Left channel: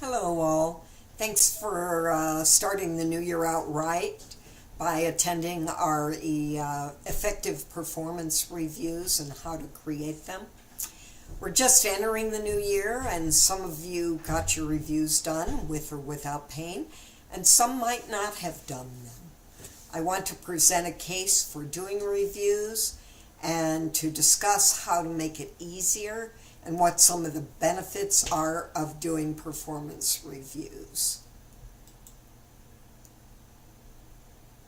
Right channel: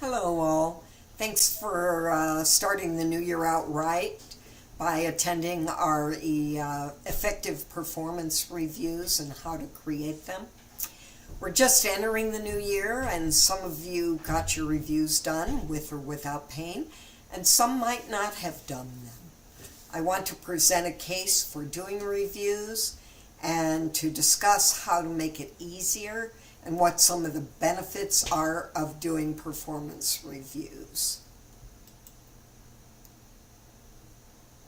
Hello all. Thanks for starting the new year out right by attending our effective performance reviews and how to create them. We're just entering the new year, and some of you got your reviews done with or without pain, and some might not have done them. I want to present a case for doing reviews and to discuss how to make it easier and what some of the benefits are of doing performance reviews.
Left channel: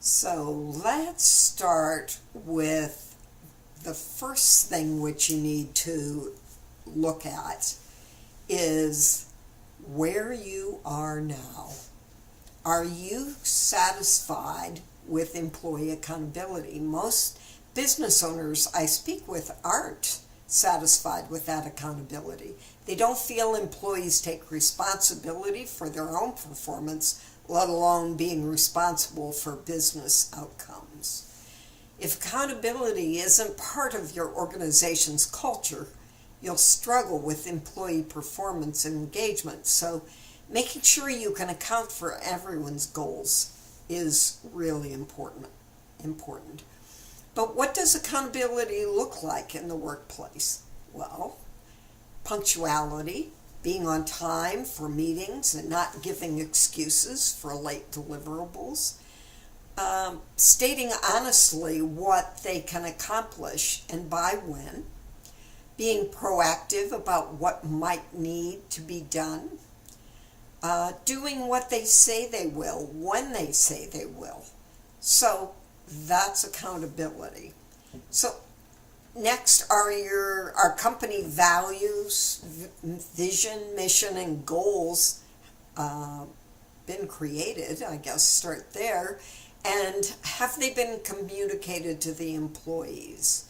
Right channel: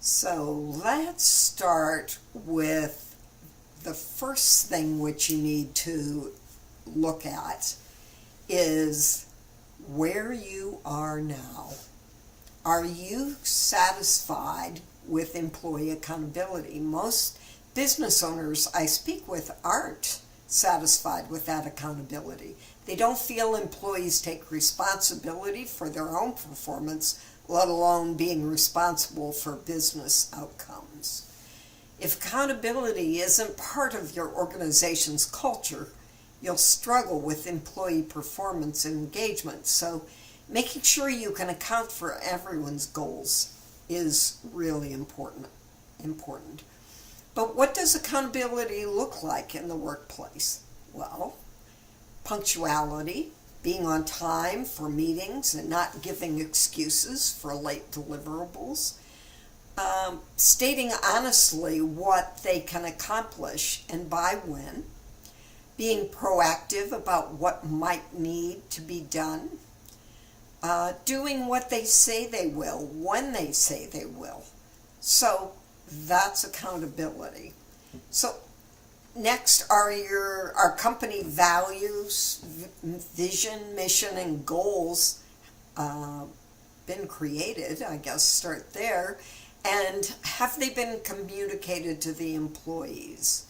So let's start with the first thing which you need to look at is where you are now. Are you satisfied with employee accountability? Most business owners I speak with aren't satisfied with that accountability. They don't feel employees take responsibility for their own performance, let alone being responsible for business outcomes. If accountability isn't part of your organization's culture, you'll struggle with employee performance and engagement. So making sure you can account for everyone's goals is really important. But what does accountability look like in the workplace? Well, punctuality, being on time for meetings and not giving excuses for late deliverables, stating honestly what they can accomplish and by when, being proactive about what might need to be done, doing what they say they will, when they say they will. So that's accountability. So next are our company values, vision, mission, and goals been created? I guess start there. And have they been communicated to the employees?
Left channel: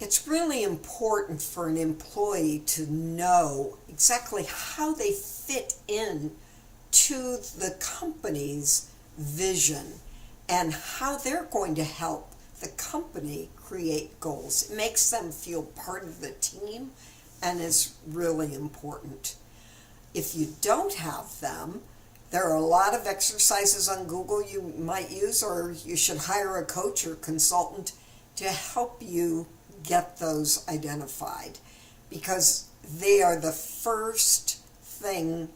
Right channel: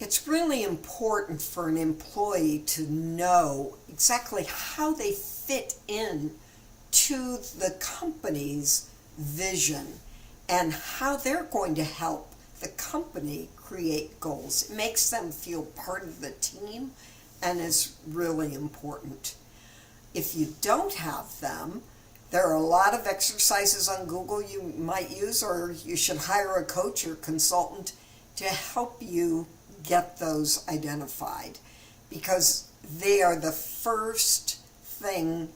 It's really important for an employee to know exactly how they fit in to the company's vision and how they're going to help the company create goals. It makes them feel part of the team and is really important. If you don't have them, there are a lot of exercises on Google you might use, or you should hire a coach or consultant to help you get those identified, because they are the first thing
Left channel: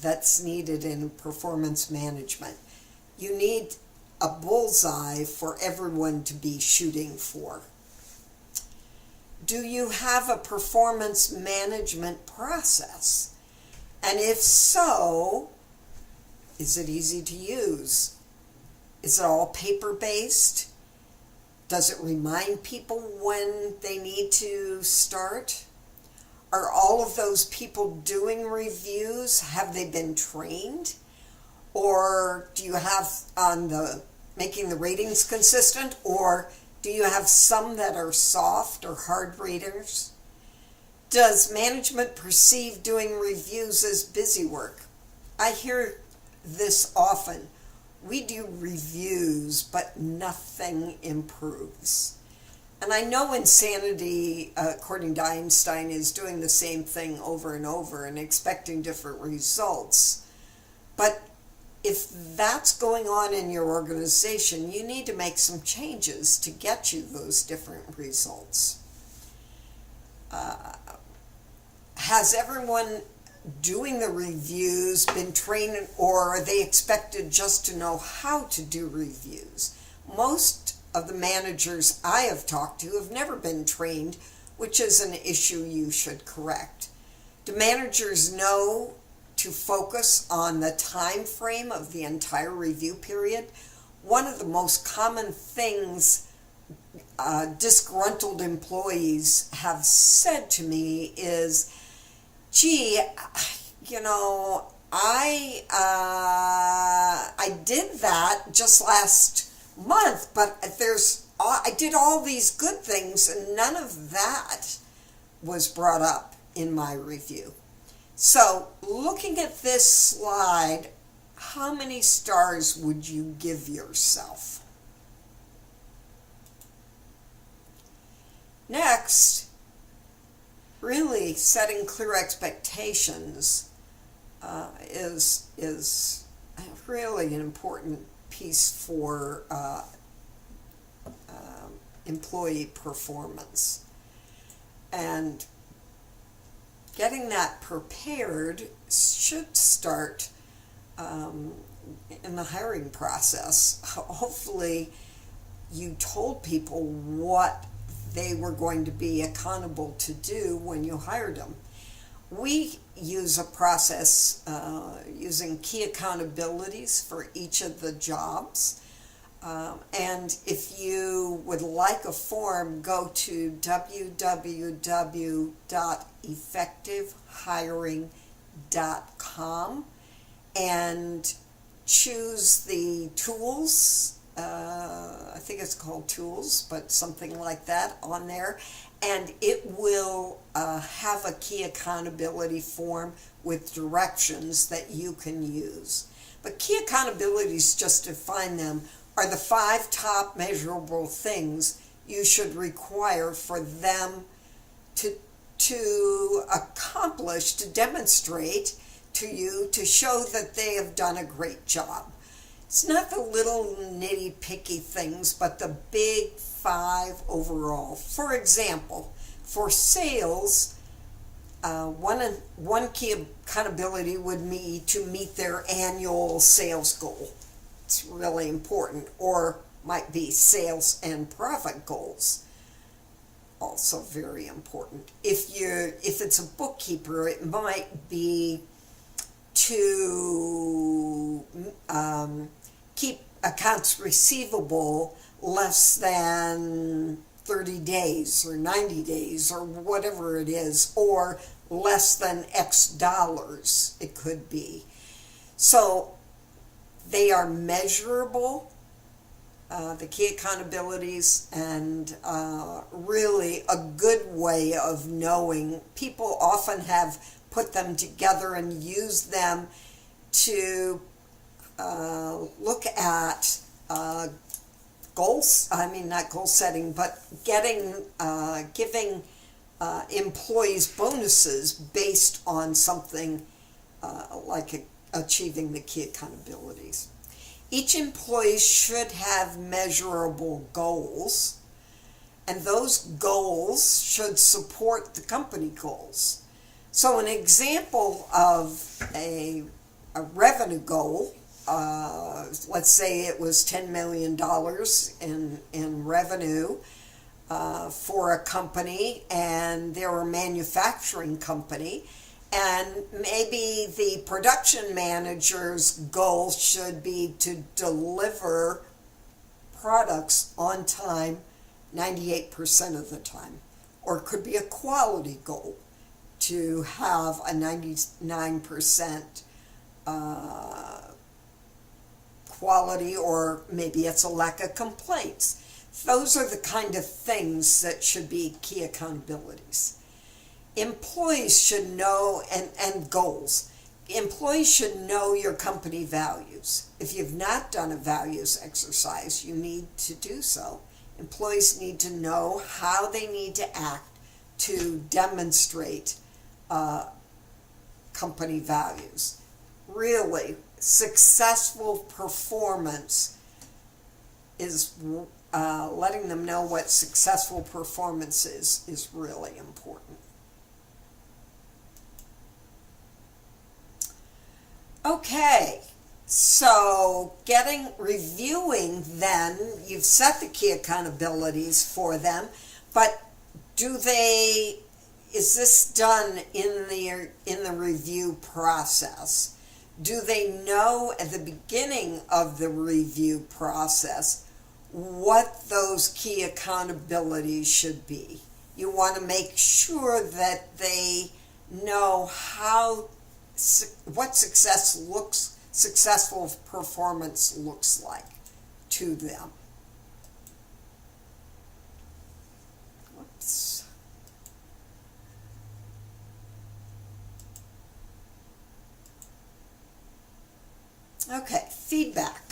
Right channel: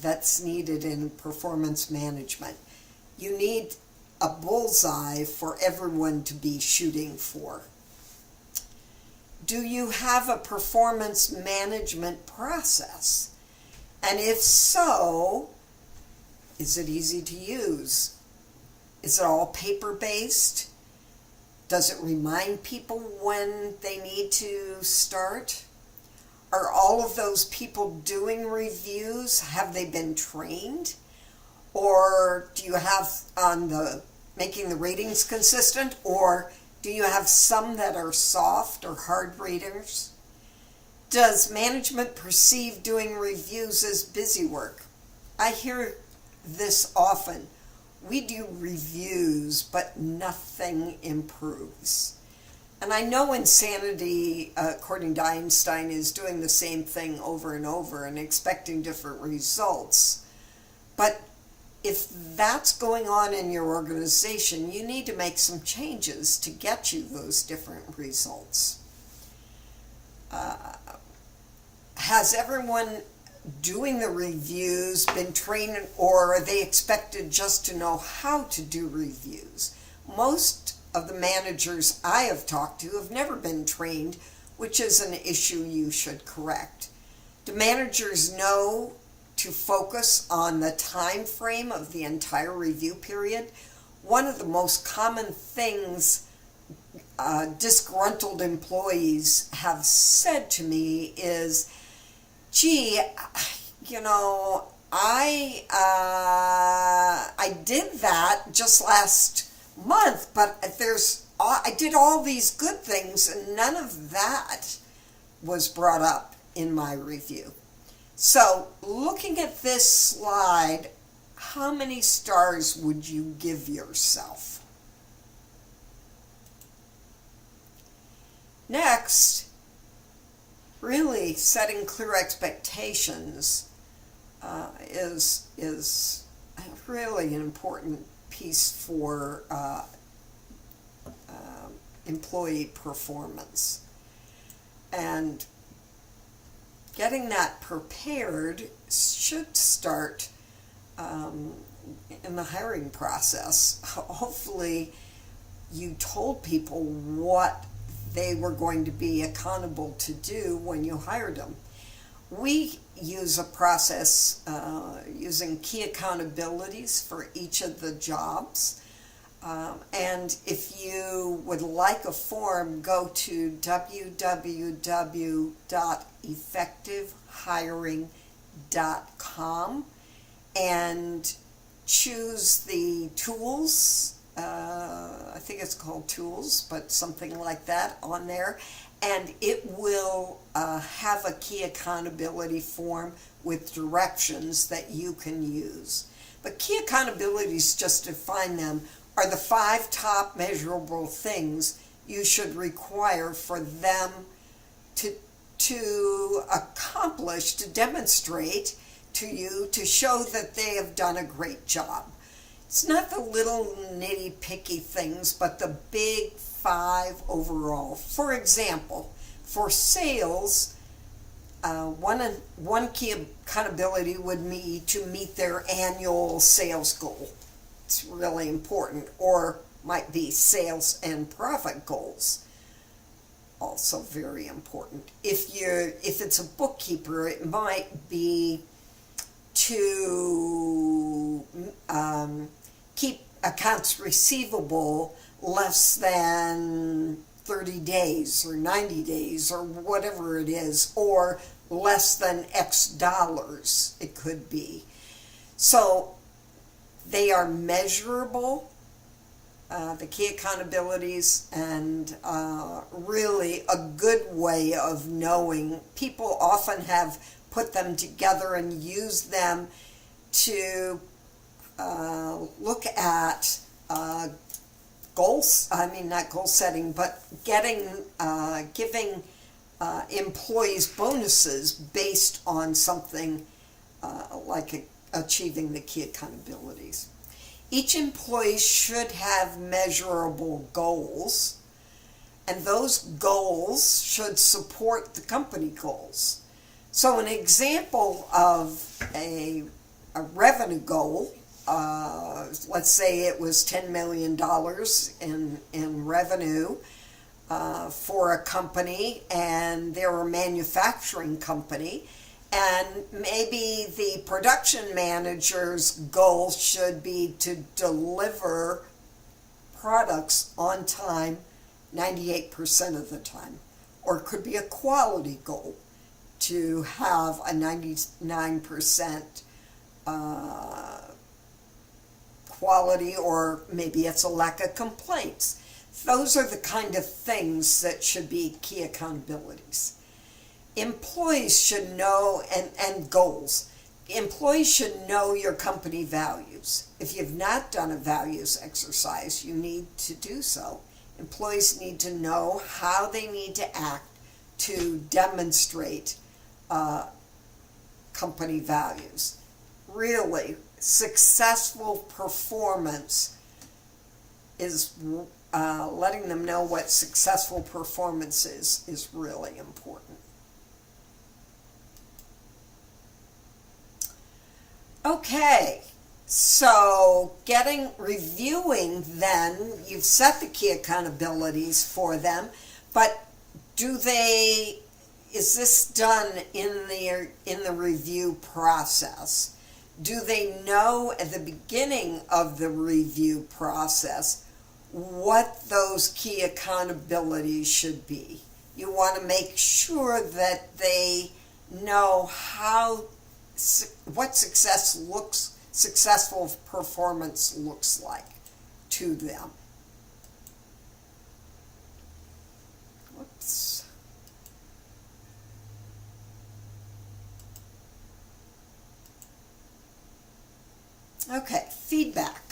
that's needed in performance management. You need a bullseye for everyone to be shooting for. Do you have a performance management process? And if so, is it easy to use? Is it all paper-based? Does it remind people when they need to start? Are all of those people doing reviews, have they been trained? Or do you have on the making the ratings consistent, or do you have some that are soft or hard raters? Does management perceive doing reviews as busy work? I hear this often. We do reviews, but nothing improves. And I know insanity, according to Einstein, is doing the same thing over and over and expecting different results. But if that's going on in your organization, you need to make some changes to get you those different results. Has everyone doing the reviews been trained, or are they expected just to know how to do reviews? Most of the managers I have talked to have never been trained, which is an issue you should correct. Do managers know to focus on the time frame of the entire review period? One of the most common things disgruntled employees have said to me is, gee, you know, I did that just last month, but I did all these good things and none of that was brought up in my review. So looking at this slide, how many stars would you give yourself? Next, really setting clear expectations. is really an important piece for employee performance. And getting that prepared should start in the hiring process. Hopefully you told people what they were going to be accountable to do when you hired them. We use a process using key accountabilities for each of the jobs. And if you would like a form, go to www.effectivehiring.com and choose the tools. I think it's called tools, but something like that on there. And it will have a key accountability form with directions that you can use. But key accountabilities, just to find them, are the 5 top measurable things you should require for them to accomplish, to demonstrate to you, to show that they have done a great job. It's not the little nitty-picky things, but the big 5 overall. For example, for sales, one key accountability would be to meet their annual sales goal. It's really important. Or might be sales and profit goals. Also very important. If it's a bookkeeper, it might be to keep accounts receivable less than 30 days or 90 days or whatever it is, or less than X dollars it could be. So they are measurable, the key accountabilities, and really a good way of knowing. People often have put them together and use them to look at goals, not goal setting, but giving employees bonuses based on something like achieving the key accountabilities. Each employee should have measurable goals, and those goals should support the company goals. So an example of a revenue goal, let's say it was $10 million in revenue for a company, and they're a manufacturing company, and maybe the production manager's goal should be to deliver products on time 98% of the time. Or it could be a quality goal to have a 99% quality, or maybe it's a lack of complaints. Those are the kind of things that should be key accountabilities. Employees should know, and goals. Employees should know your company values. If you've not done a values exercise, you need to do so. Employees need to know how they need to act to demonstrate company values. Really, successful performance is letting them know what successful performance is really important. Okay, so reviewing then, you've set the key accountabilities for them, but is this done in the review process? Do they know at the beginning of the review process what those key accountabilities should be? You want to make sure that they know what successful performance looks like to them. Whoops. Okay, feedback.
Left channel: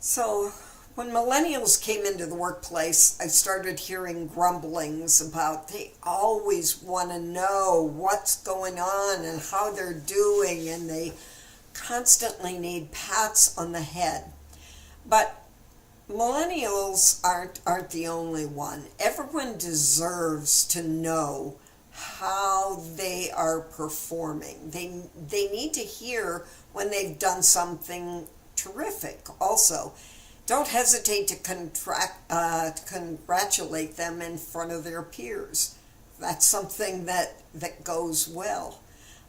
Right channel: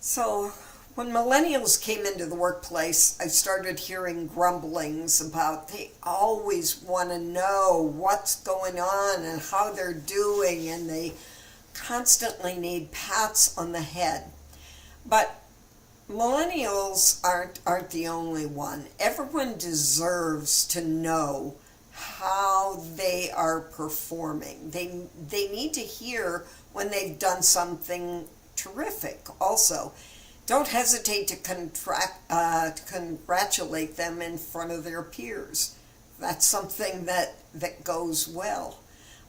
So When millennials came into the workplace, I started hearing grumblings about they always want to know what's going on and how they're doing, and they constantly need pats on the head. But millennials aren't the only one. Everyone deserves to know how they are performing. They need to hear when they've done something terrific also. Don't hesitate to congratulate them in front of their peers. That's something that goes well.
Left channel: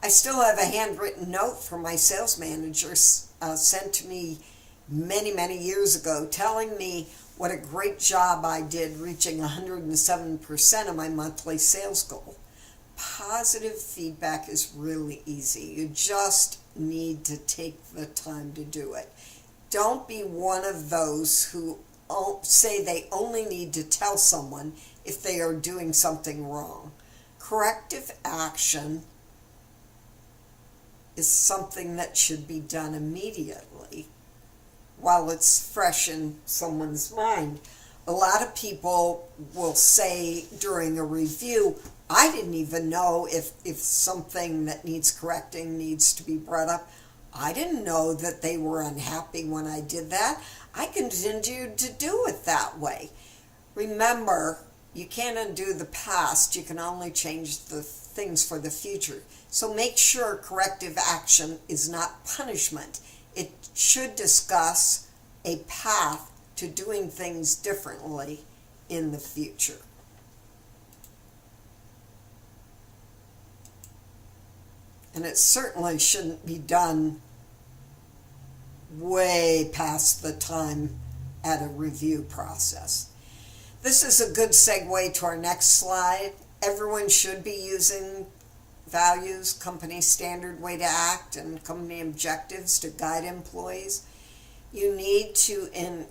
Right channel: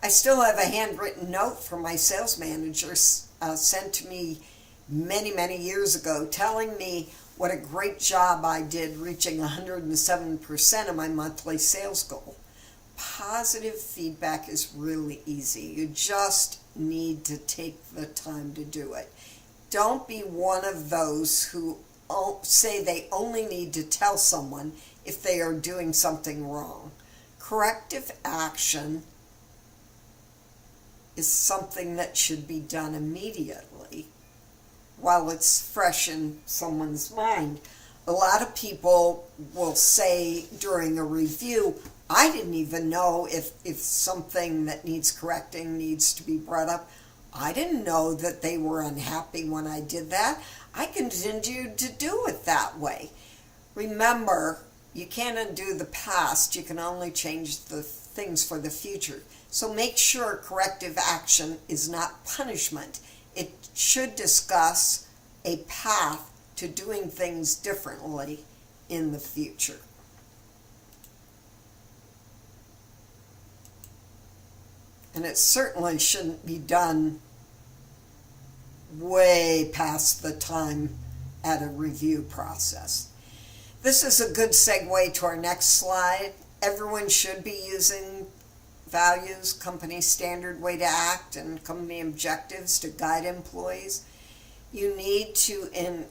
I still have a handwritten note from my sales manager sent to me many, many years ago telling me what a great job I did reaching 107% of my monthly sales goal. Positive feedback is really easy. You just need to take the time to do it. Don't be one of those who say they only need to tell someone if they are doing something wrong. Corrective action is something that should be done immediately while it's fresh in someone's mind. A lot of people will say during a review, I didn't even know if something that needs correcting needs to be brought up. I didn't know that they were unhappy when I did that. I continued to do it that way. Remember, you can't undo the past. You can only change the things for the future. So make sure corrective action is not punishment. It should discuss a path to doing things differently in the future. And it certainly shouldn't be done way past the time at a review process. This is a good segue to our next slide. Everyone should be using values, company standard way to act, and company objectives to guide employees. You need to,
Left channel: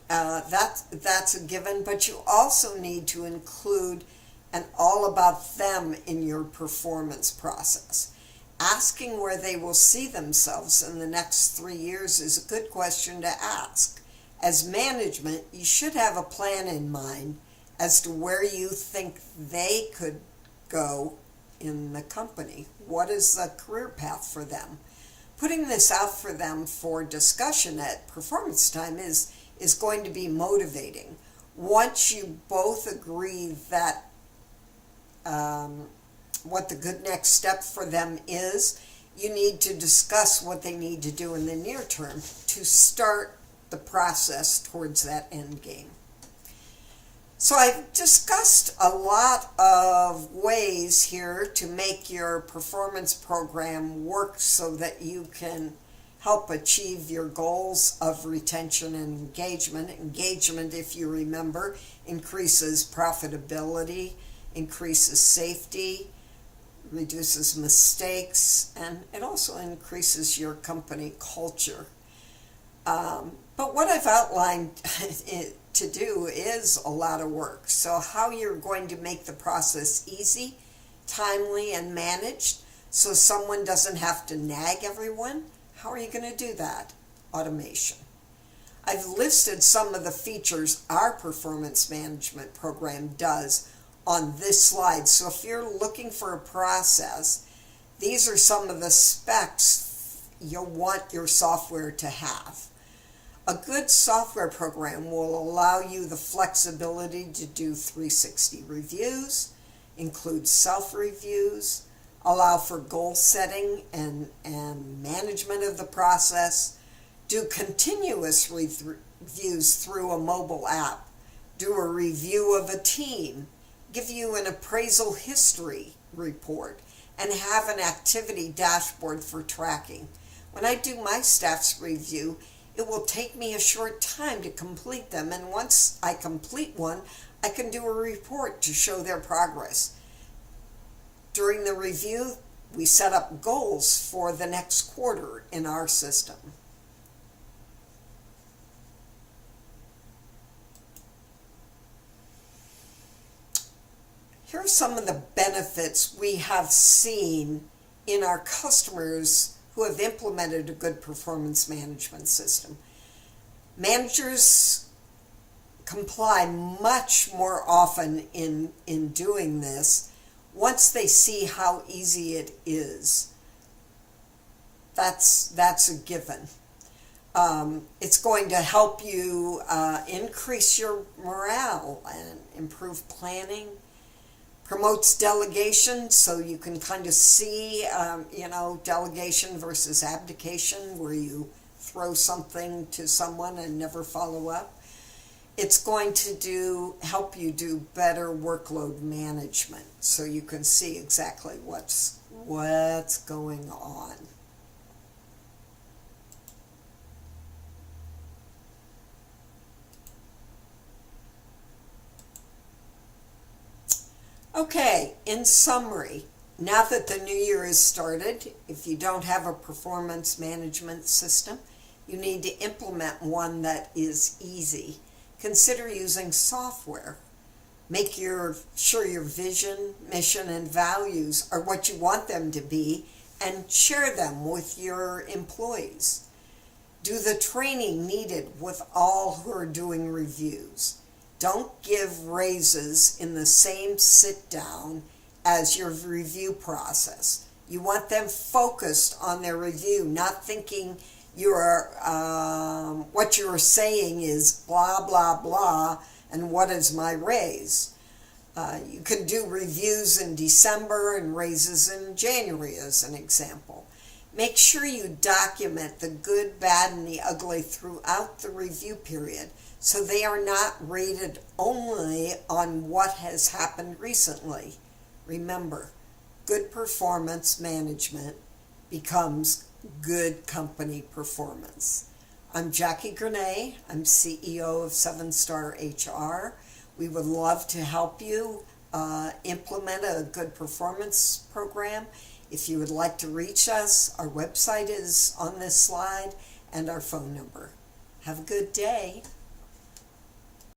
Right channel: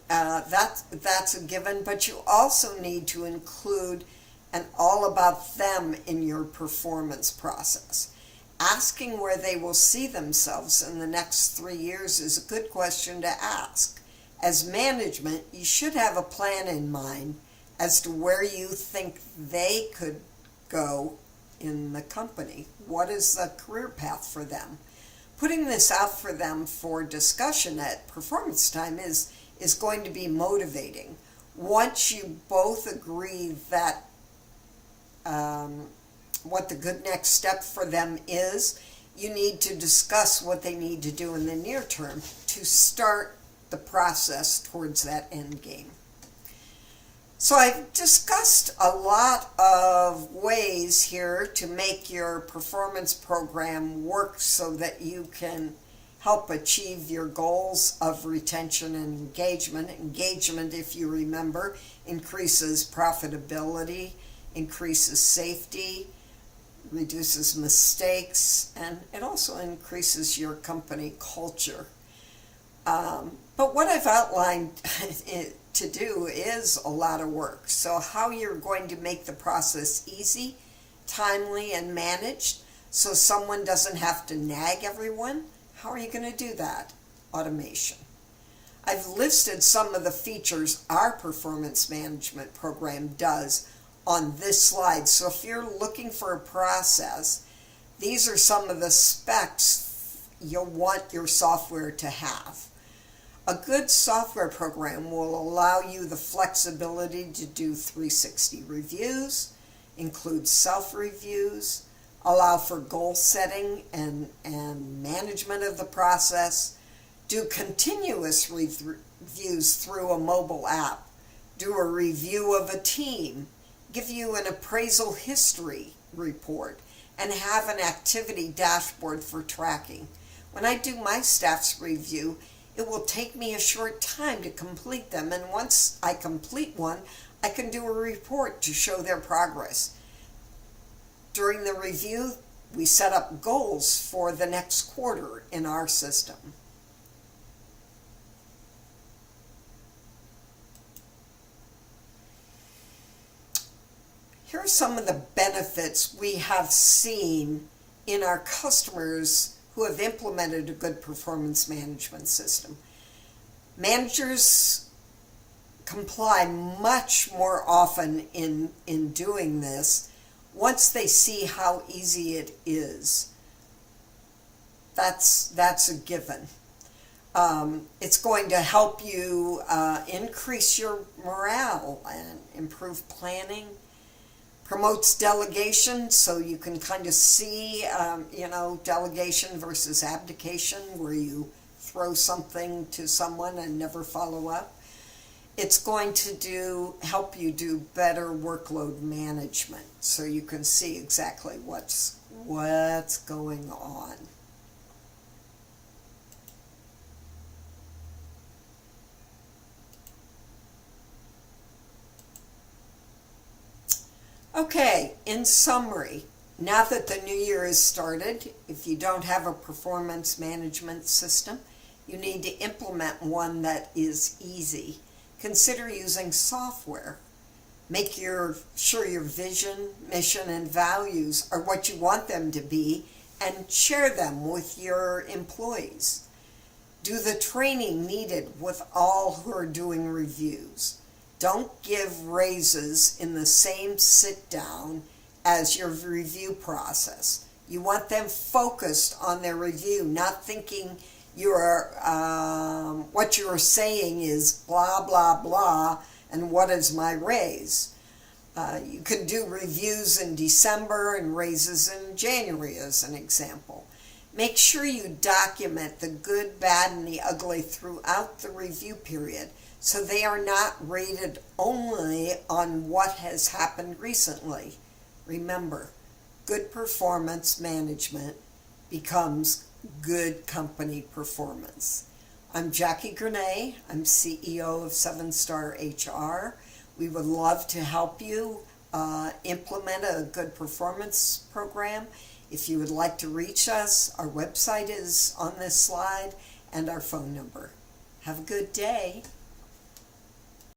that's a given, but you also need to include an all about them in your performance process. Asking where they will see themselves in the next 3 years is a good question to ask. As management, you should have a plan in mind as to where you think they could go in the company. What is the career path for them? Putting this out for them for discussion at performance time is going to be motivating. Once you both agree that what the good next step for them is, you need to discuss what they need to do in the near term to start the process towards that end game. So I've discussed a lot of ways here to make your performance program work so that you can help achieve your goals of retention and engagement. Engagement, if you remember, increases profitability, increases safety, reduces mistakes, and it also increases your company culture. But what I've outlined to do is a lot of work. So how you're going to make the process easy, timely, and managed so someone doesn't have to nag everyone, how are you going to do that? Automation. I've listed some of the features our performance management program does on this slide. So if you're looking for a process, these are some of the specs you'll want your software to have. A good software program will allow you the flexibility to do 360 reviews, include self-reviews, allow for goal setting and management of the process, do continuous reviews through a mobile app, do a review of a team, give you an appraisal history report, and have an activity dashboard for tracking. When I do my staff's review, it will take me a short time to complete them, and once I complete one, I can do a report to show their progress. During the review, we set up goals for the next quarter in our system. Here are some of the benefits we have seen in our customers who have implemented a good performance management system. Managers comply much more often in doing this once they see how easy it is. That's a given. It's going to help you increase your morale and improve planning. Promotes delegation, so you can kind of see, delegation versus abdication, where you throw something to someone and never follow up. It's going to help you do better workload management, so you can see exactly what's going on. Okay, in summary, now that the new year has started, if you don't have a performance management system, you need to implement one that is easy. Consider using software. Make sure your vision, mission, and values are what you want them to be, and share them with your employees. Do the training needed with all who are doing reviews. Don't give raises in the same sit down as your review process. You want them focused on their review, not thinking what you're saying is blah, blah, blah, and what is my raise? You can do reviews in December and raises in January as an example. Make sure you document the good, bad, and the ugly throughout the review period, so they are not rated only on what has happened recently. Remember, good performance management becomes good company performance. I'm Jackie Grenay. I'm CEO of SevenStar HR. We would love to help you implement a good performance program. If you would like to reach us, our website is on this slide and our phone number. Have a good day.